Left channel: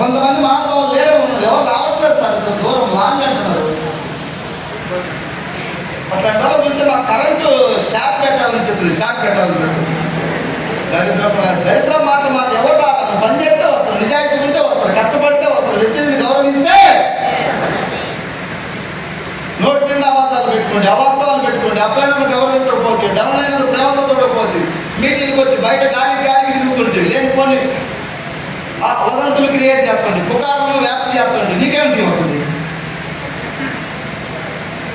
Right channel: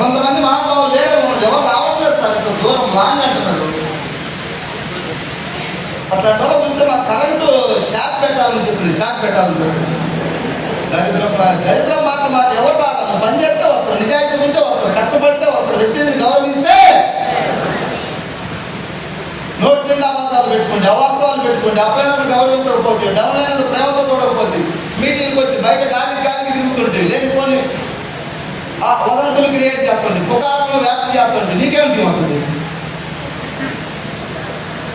కొంతమంది మహానుభావులు లేడే ఉన్నారు, ఎవరు రావట్లేదు సార్, ఇంత దూరం లాంగ్ అంటున్నారు. అట్లా చూస్తే మా కరెంటు షాక్ పెట్టాలనిపిస్తుంది, షాక్ పెట్టాలనిపిస్తుంది. దరిద్ర మాటలు ఎవరు రావాలి, పని చేస్తే వస్తారు, నిజాయితీ ఉంటే వస్తారు, కష్టపడితే వస్తారు, వెస్టేజ్ని గౌరవిస్తే. నోటి నిండా అబద్ధాలు పెట్టుకుంటే, అవాస్తవాలు పెట్టుకుంటే, అప్లైనను గౌరవించకపోతే, డౌన్ అయినది ప్రేమతో చూడకపోతే, మీటింగ్కి వచ్చి బయట గాలికి తిరుగుతుంటే, లేనిపోని వదంతులు క్రియేట్ చేస్తుంది, పుకారులు వ్యాప్తి చేస్తుంది, నీకేమిటి అవుతుంది?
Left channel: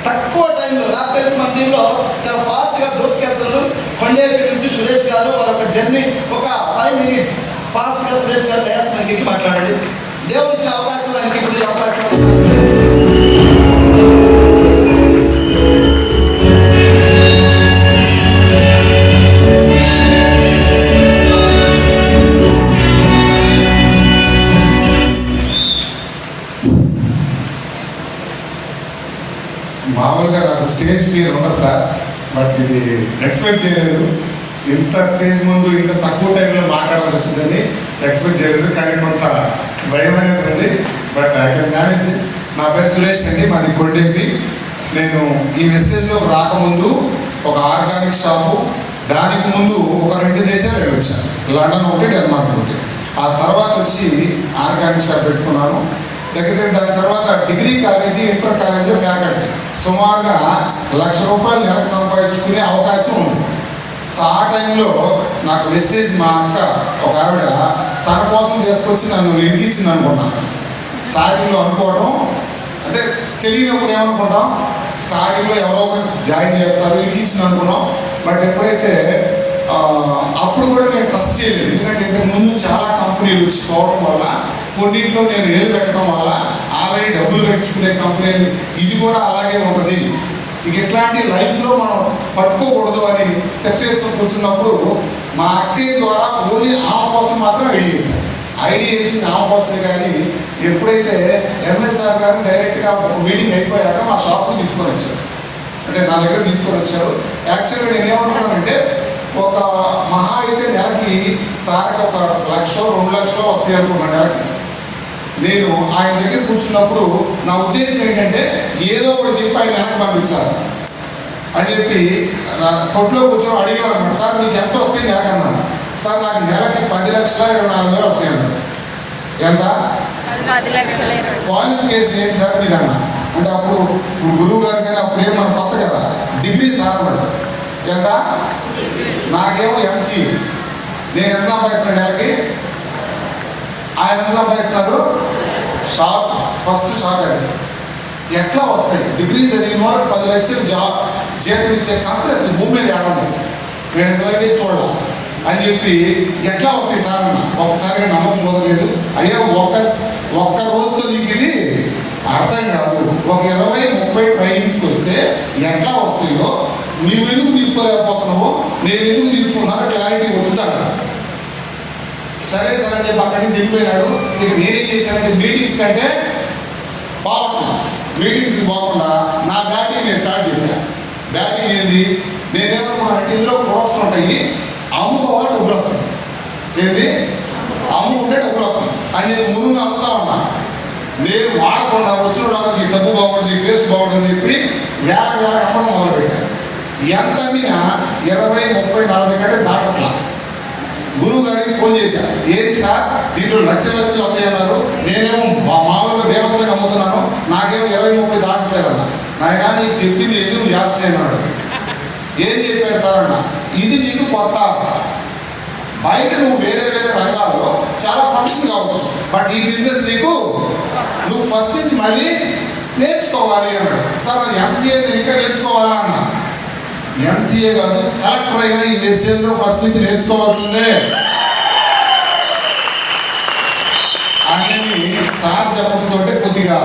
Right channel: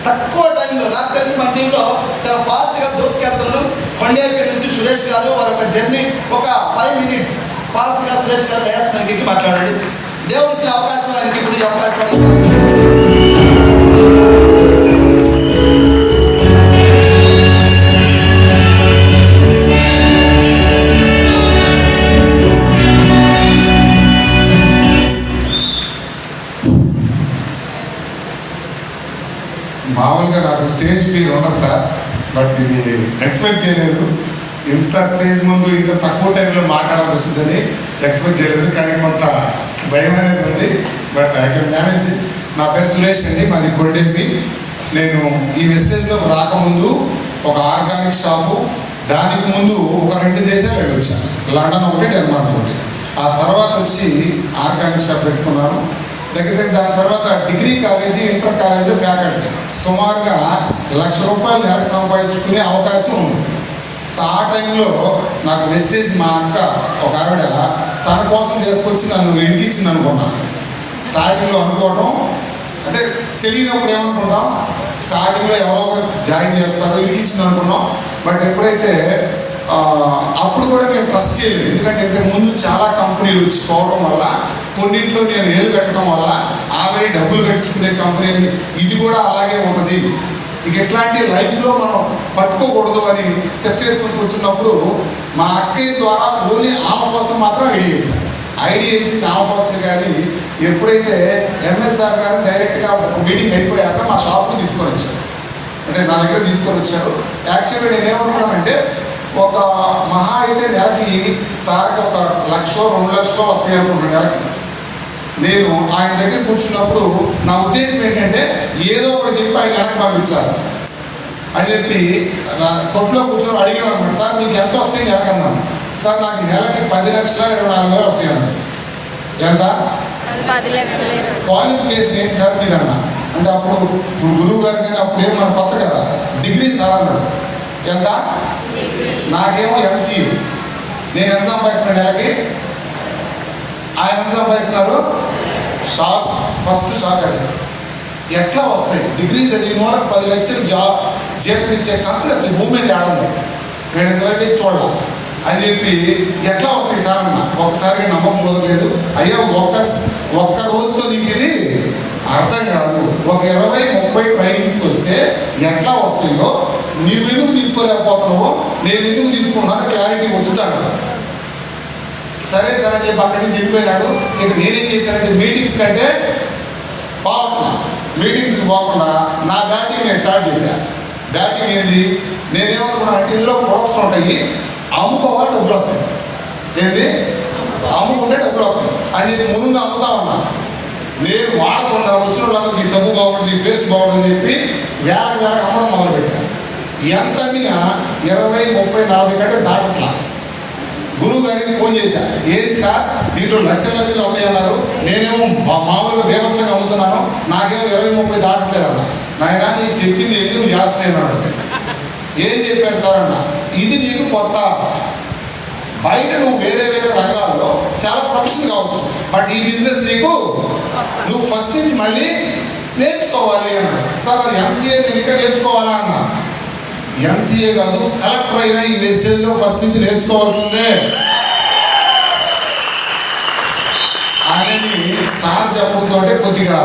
తక్కువ టైంలో నాకు తెలిసి మన టీంలో చాలా ఫాస్ట్గా దూసుకెళ్తున్నారు. కొండేపి నుంచి సురేష్ గారు మరొక జర్నీ ఒక 5 minutes ఫాస్ట్గా సురేష్ గారు దయాస్కి మాట్లాడండి. దేవుడు ఇచ్చిన అవకాశం ఆయనకి ఇప్పుడు ఈ అవకాశం మామూలుగా నాకు స్టేజ్ ఫీల్ ఉన్నది సార్, బట్ ఇది ఎక్స్పెక్ట్ చేయలేదు. ఇంత స్టేజ్ ముందు ఇంత తక్కువ టైంలో మాట్లాడాల్సి వచ్చిందని ఎక్స్పెక్ట్ చేయలేదు. కానీ కొంత భయం అనేది ఉంది, but I can manage this. నా పేరు సురేష్ అండి, మాది కొండేపి. నేను ఈ మెసేజ్లో రాకముందు ఒక ఆర్గానిక్ షాపు, దానికి ముందు ఒక 2 దేశాలు వెళ్ళొచ్చాను, లండన్ ఒకటి, డెన్మార్క్ ఒకటి. ఆ తర్వాత వచ్చి ఆర్గానిక్ షాప్ పెట్టుకున్నాను. దగ్గర దాని తర్వాత డిగ్రీ కాలేజీ, ఇంటర్ కాలేజీలో ఫ్యాకల్టీ. సుమారుగా ₹1,00,000 నెలకు సంపాదించుకునే అవకాశం ఉంది. సో ఆ టైంలో నాకు వెస్టేజ్ మా అక్క ఒక ఆవిడ తన కోసం తీసుకొచ్చి నన్ను ఎదిగించింది అనుకున్నాను. స్టార్టింగ్లో అనుకోవడం అంటే తెలియనప్పుడు ఏమనుకుంటాం, స్టార్టింగ్లో ఎవరో జాయిన్ చేస్తారో ఎదిగించింది అనుకున్నాం. బట్ ఎప్పుడైతే అప్పుడు కూడా నేను ట్రస్ట్ చేయలేదు, ఎందుకంటే ఇంతకు ముందు చాలా కంపెనీలు వచ్చి పోవడం వల్ల, కొన్నింటిలో నేను ఏలు పెట్టడం వల్ల ఆల్రెడీ డబ్బులు కట్టించుకునే కంపెనీ ఇది కూడా అలాగే ఉంటుంది, ఇక ఎట్లాంటి లైఫ్లో మనం పట్టుకోకూడదు అని టెస్ట్ చేసుకుని కూర్చున్నప్పుడు మా అక్కయ్య ద్వారా ఓన్లీ ఆమె కోసం మాత్రం ఐడియా చేశాను. ఐడియా చేసింది ఆమె కోసం. కానీ ఎప్పుడైతే ఎంఎస్ఆర్ గారు డైరెక్ట్గా ఒక మీటింగ్ అయిపోయాక మా షాప్కి తీసుకొని వచ్చారు, అంటే నా దగ్గర తీసుకొని వచ్చారు. యాక్చువల్గా నేను ఏమనుకున్నానంటే ఒక మహా అయితే నెలకి సార్కి ఒక 1,00,000 2 లక్షలు వస్తాయి అనుకున్నాను నెలకి. నేను ఆయన దగ్గర కూర్చున్నప్పుడు నా ఉద్దేశం ఏంటంటే ఏదో ఒకటి చెప్పి ఆయన వెనక్కి పంపించాలి అని చెప్పి కొట్లో కూర్చొని అడిగాను అన్నమాట. సార్ మీకు ఎంత వస్తాయి నెలకన్నాను. సార్ నాకు నెలకి 10,24,000 వస్తాయి అన్నాడు. ఎంత? 10,20,000. క్వాలిఫికేషన్ ఏంటి సార్ మీరు అన్నా అంటే, అప్పుడు గురువు గారు కానీ అప్పుడు ఏమన్నా కొత్త కదా, డిగ్రీ సార్ అన్నాడు. ఎంత? నాకేమో ఎంసీఏ. నేను ఎంత సంపాదిస్తున్నాను నెలకి, ఆయన ఎంత సంపాదిస్తున్నారు? షాక్, ఫస్ట్ షాక్ అది. ఎట్లా వస్తాయి డిగ్రీ చదివిన వరకు 10 లక్షలు జీతం ఇచ్చే కంపెనీ అసలు భూమి మీద ఏడుంది, నేను ఇంతవరకు చూడాల అని చెప్పి ఎట్లా వస్తాయి సార్ అన్న. ఒకసారిగా నమ్మకం కుదరలేదు. అయ్యా ఒక్క రోజుతో నీకు ఇది అర్థం కాదు, ఒక 20-30 ట్రైనింగ్స్కి వస్తే ఎట్లా వస్తాయో నీవు ఎందుకు తీసుకోలేకపోతున్నావో నేను ఎందుకు తీసుకున్నాను క్లారిటీ వచ్చుతాను. సరే సరే చెప్పి అక్కడి నుంచి వెళ్ళిపోయినాడు. ఇక నేనేం చేశానంటే మీటింగ్స్ కంటే పోకుండా, మీటింగ్స్కి పోకుండా నా బ్యాటింగ్ నేను స్టార్ట్ చేశాను. బ్యాటింగ్ ఏంది, నేనేమనుకున్నా అంటే ఇందులో ప్రొడక్ట్స్ ఉంటాయి, అమ్ముకోవాలి డబ్బులు వస్తాయి. ఏంది అమ్ముకుంటే డబ్బులు వస్తాయి అని చెప్పి ముందుగా అమ్ముతా ఉన్నా. నేను వాడకుండా వచ్చిన వాళ్ళకి ఈ సబ్బు బాగుంటుంది, పేస్ట్ బాగుంటుంది చెప్పి వేల అమ్మడం మొదలుపెట్టాను. ఎంత అమ్మినా 20, 30, 40 కంటే దాటట్లా. గురువు గారికి ఫోన్ చేశాను, ఏంటి సార్ దీంట్లో లక్షలు వస్తాయన్నారు, నేనేమో మామూలుగా బేమత్సంగా అమ్ముతున్నాను, నాకేమో 20, 30 దాటట్లేదన్నా. నాయన నీకు చెప్పింది ఎందుకు చేస్తున్నాను. ఏం చెప్పారు సార్ అన్న, ఇది నీకు కొత్త, బయట నువ్వు వేరే రంగాల్లో చాలా ప్రొఫెషన్ కావచ్చు, బట్ ఈ బిజినెస్ నీకు నువ్వు ఫస్ట్ నుంచి మళ్ళీ నేర్చుకోవాలి అన్నాడు. సార్ అది ఎంసీఏ ఇంకా నేర్చుకోవాలా అన్నా. ఎంసీఏ కాదు, కలెక్టర్ అయినా ఈ మెసేజ్లో ఫస్ట్ నుంచి నేర్చుకోవాల్సిందే అనేది సార్ చెప్పడంతో కొద్దిగా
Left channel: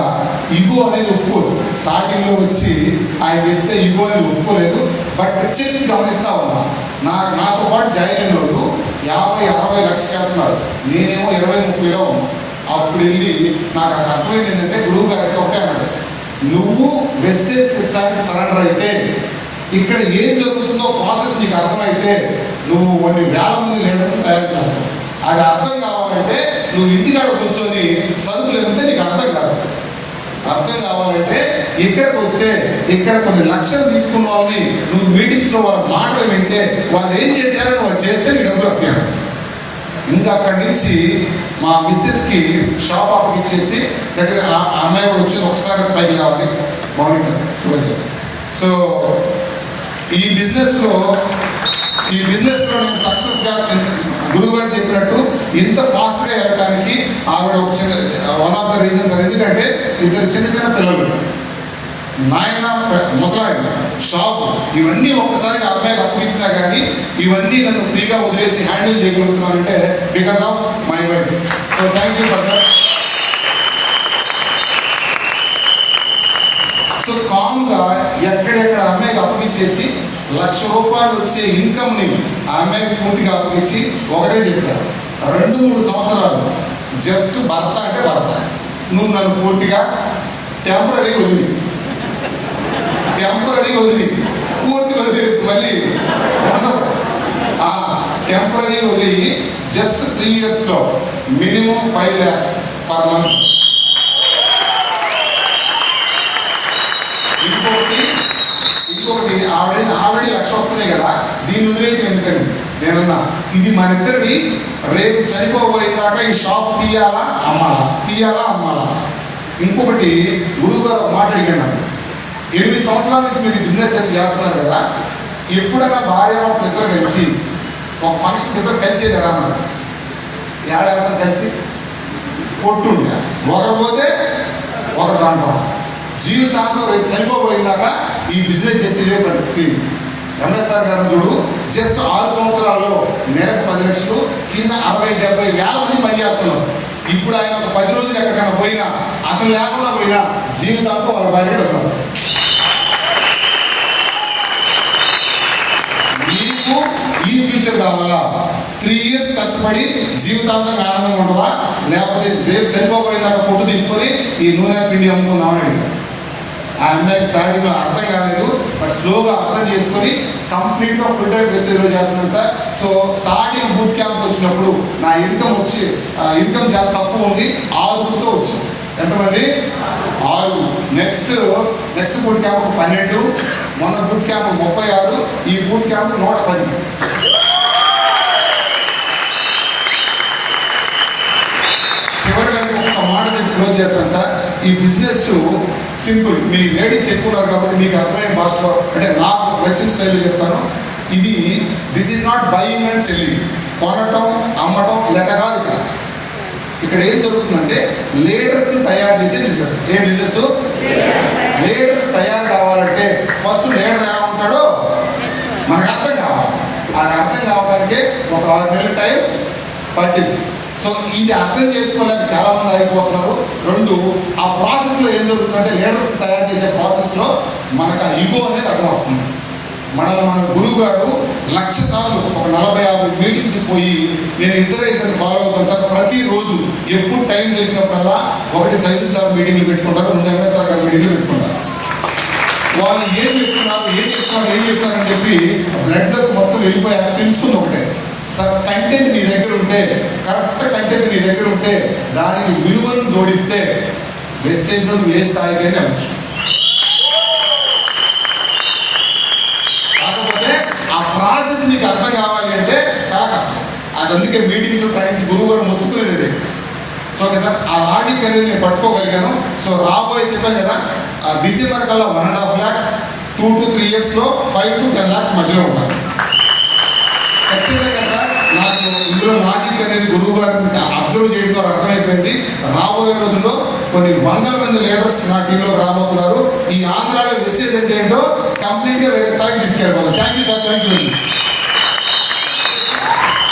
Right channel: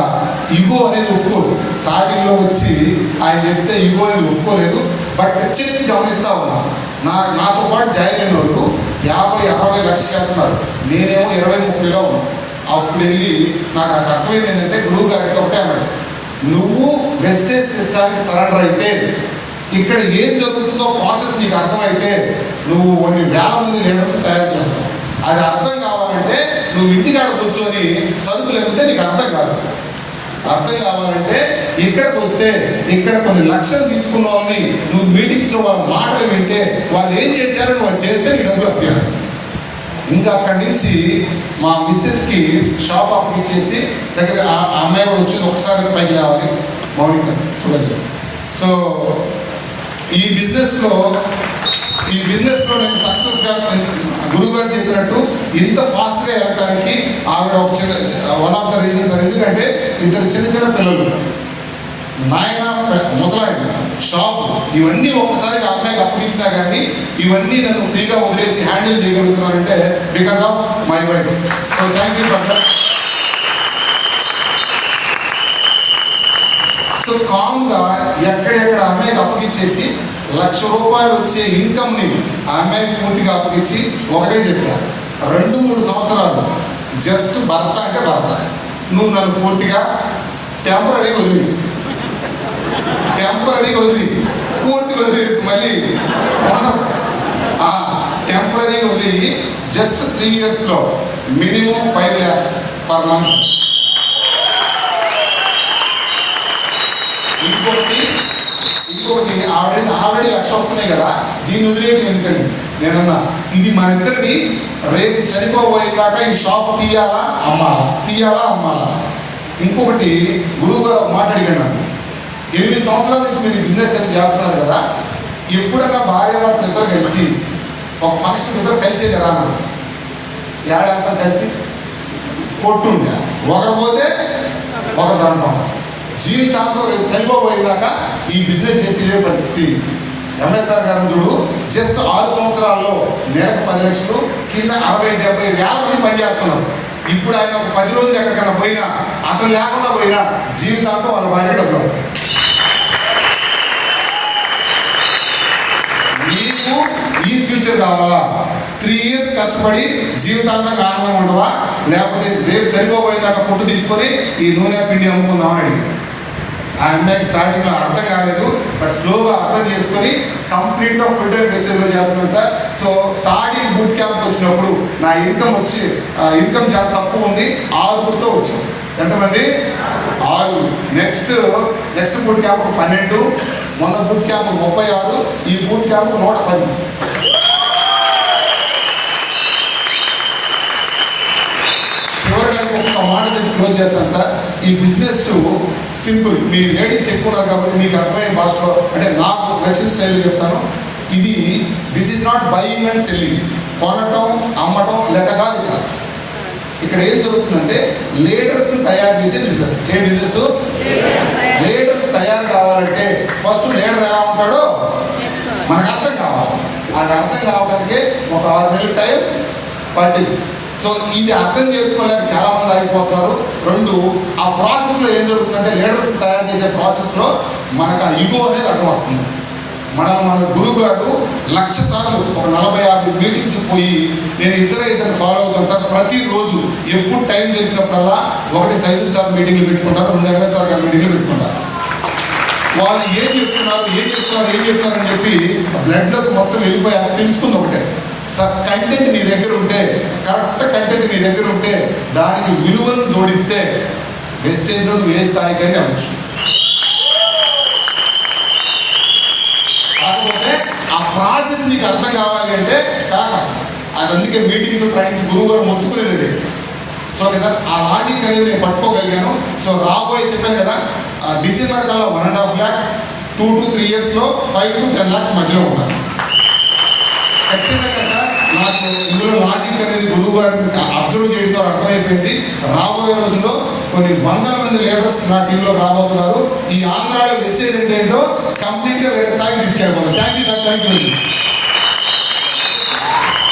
ఇగో అనేది ఒప్పుకోరు. స్టార్టింగ్లో వచ్చి ఆయన చెప్తే ఇగో అనేది ఒప్పుకోలేదు. బట్ పిక్చర్స్ గమనిస్తా ఉన్నా, నాతో పాటు జాయిన్ అయిన వాళ్ళు 50-60 లక్షలు వెళ్తున్నారు, నేనేమో 20-30లో ఉన్నా. అప్పుడు వెళ్ళి నాకు అక్కడ అర్థమైంది ఏంటంటే, గురువు గారికి ఒకటే అన్నాడు, నువ్వు వెస్టేజ్ సిస్టానికి సరెండర్ అయితే, ఇక్కడ ఏం జరుగుతుందో ప్రాసెస్ నీకు అర్థమైతే నువ్వు కొన్ని వేల మంది లీడర్స్ తయారు చేస్తావు. అది అర్థం కావాలంటే నువ్వు ఇంటికాడ కూర్చొని సరుకులు ఏమంటే నీకు అర్థం కాదు. అర్థం కావాలంటే ఇక్కడికి వస్తే ఇక్కడ కొన్ని లక్షలు తీసుకున్నావని నువ్వు మీటింగ్స్ లో వాళ్ళ మాటలు వింటే వాళ్ళు ఏం చేశారో నువ్వు చేస్తే నీకు డబ్బులు వస్తాను. ఇంకా అక్కడి నుంచి మా మిస్సెస్ కి షాప్ అప్పగిచ్చేసి దగ్గర ఆ అమ్మాయి కూడా వచ్చి ఒకసారి పైకి రావాలి మౌనిక సుభద్ర. సో ఈ బిజినెస్ లో నేను సక్సెస్ గా గురువు గారు చెప్పినట్టు ఇంత ఫాస్ట్ గా వెళ్ళడానికి ఆవిడ ఒక వన్ ఆఫ్ ద రీజన్స్. ఎందుకంటే ఇద్దరు చిన్న చిన్న పిల్లలు, నాయన ముసలాయన, షాప్, ఇవన్నీ ఒక్కసారిగా అమ్మాయికి అప్పగించినా కానీ ఇవన్నీ నన్ను ఫ్రీగా వదిలేసి హ్యాండిల్ చేయగలుగుతున్నానంటే because of my wife. So thank you for that. So calm గా ఎక్కడెక్కడ అమ్మాయికి అప్పగించేసి ₹1,00,000 వచ్చే ఇన్కమ్ ని అమ్మాయికి పూర్తిగా అప్పగించి ఒకటే చెప్పాను, 2-3 సంవత్సరాలు జస్ట్ భర్త అంటే భర్త, నువ్వు నన్ను పూర్తిగా టెంపరీ వదిలి పూర్తి వదిలేదు. మళ్ళీ టెంపరీ వదిలి జస్ట్ 3 years లో మినిమం 5 lakhs per month. ఇంకొకటి ఆల్రెడీ 1,00,000 వస్తున్నాయి కదా, దీన్ని వదిలేయటం ఎందుకని నేనన్నా, ఇది మన ఇద్దరిని రేపు చనిపోబోయేదాకా ఈ షాప్ తీయాలా అమ్మాలా. ఇంకొకటి గురువు గారు ఒక మాట అడిగాను, 8 సంవత్సరాల నుంచి మీరు బిజినెస్ చేస్తున్నారు కదా, ఎప్పుడన్నా భార్య వాళ్ళు ఇద్దరు కలిసి ఒక ఫంక్షన్ ఇద్దరు కలిసి ఎలా అన్నారు, ఏడాది కలిసి కొట్టుందా, ఒకరు పోతే ఒకరు దాంట్లో జీవితాంతో రేపు చనిపోబోయేదాకా ఈ బిజినెస్ చేస్తే ఇదే పరిస్థితి. ఎంఎస్ఆర్ గారు చూడు, జస్ట్ 6 సంవత్సరాల్లో నెలకు 10 లక్షలు, కింద 60-70 వేల మంది పనిచేస్తున్నారు. ఇప్పుడు ఆయన ఒక 10 రోజులు ఎక్కడికైనా పోయినా, అసలు లేకుండా పోయినా జీవితాంతో వాళ్ళ భార్య డబ్బులు వస్తాయి. మీకు ఈ ఫ్యూచర్ కావాలా? 3 years కష్టపడి జీవితాంతం ఆనందంగా ఉంటుందా, లేకపోతే రేపు చనిపోబోయేదాకా పొట్టు తీసుకొని ఈ నూనె పిండి అమ్ముకుందామని అడిగారు. ఆ అమ్మాయికి స్టార్టింగ్ లో అర్థం కాలేదు, బట్ స్లోగా అర్థం చేసుకొని కంప్లీట్ గా ఫుల్ టైం వెస్టేజ్ లో చేస్తున్నాను sir. So starting boot camp వచ్చినప్పుడు నా ఇన్కమ్ చాలా తక్కువ ఉంది, 6తో వచ్చింది. ఎంతమంది? 6. నెక్స్ట్ బూట్ క్యాంప్ 12, మొన్న బూట్ క్యాంప్ 36, ఈ బూట్ క్యాంప్ 110. చివరిగా ఒక మాట చెప్పి క్లోజ్ చేస్తాను సార్. ఈ బిజినెస్ సింపుల్, మీ లేడీస్ ఎక్కువ ఉన్నారు కాబట్టి మీకు అర్థమయ్యే భాషలో, అంటే నాకు నచ్చిన స్టైల్లో చెప్తాను. This is not buying and selling, కొనటం అమ్మటం లెక్క కాదు. ఇక్కడ ఏం జరుగుతుందంటే లీడర్స్ తయారు చేసే బిజినెస్. ఏ బిజినెస్? లీడర్స్ తయారు కావాలంటే ఫస్ట్ లీడర్ ఎలా ఉంటాడో మనకు అర్థం కావాలి. అది అర్థం కావడానికే ఒక 6 నెలల టైం పట్టింది. సో ఇది అర్థం చేసుకోలేక చాలా మంది అయిపోతున్నారు. 2, ఆ ప్రాసెస్ లో ఏం జరుగుతుందంటే లీడర్స్ తయారు చేసే ప్రాసెస్ లో మనకు ఆ ఇగో అనేది అర్థం వస్తుంది. మన గురువు గారు 1,00,000 సార్లు ఒక 40-50 మీటింగ్స్ పోయి నేను ఇద్దరు ఫాలో అవుతాను సార్. ప్రతిరోజు ఎప్పుడు టైం దొరికినప్పుడల్లా 1-5 సార్లు మీటింగ్లు పెట్టుకుంటారు, 2 ఎంఎస్ఆర్ గారు మీటింగ్లు పెట్టుకుంటారు. వాళ్ళు ఏం చెప్తున్నారని చెప్పి బ్లడ్ లోకి మొత్తం వెళ్ళిపోయాక తెలుస్తుంది ఒకటే, కంటెంట్ నీ దగ్గర ఉంటే, కరెక్ట్ కంటెంట్ నీ దగ్గర ఉంటే దానికి విలువను జోడిస్తే వేస్టేజ్ లో ఏ స్థాయికైనా అవ్వచ్చు. కాకపోతే ఆ ప్రాసెస్ నీకు అర్థం కావాలి అంటే చాలా కష్టం. అందుకే మీటింగ్స్ ట్రైన్స్ గురువు గారు మొత్తుకునేది. సో ఓకే సార్, ఆ లాజిక్ అనేది నేను పట్టుకోగలిగాను. సో రాబోయే చెప్పాను కదా, డిసెంబర్ కల్లా 1.5 lakh, 2 to 3 years లో 5 to 10 lakhs మధ్యలో ఉంటాను ఖచ్చితంగా కదా. నాకు ఇందులో లాజిక్ అనేది గురువు గారు అబ్జర్వ్ చేయడంతో అర్థమైపోయింది. రాబోయే రోజుల్లో కొన్ని 100 మంది లీడర్స్ నా టీంలో రాబోతున్నారు. ఈ ఆంధ్రాలో వెస్టేజ్ అంటే ఏంటో కంప్లీట్ గా వేరే స్థాయికి తీసుకెళ్ళిపోవాలి. Thank you sir, thank you very much.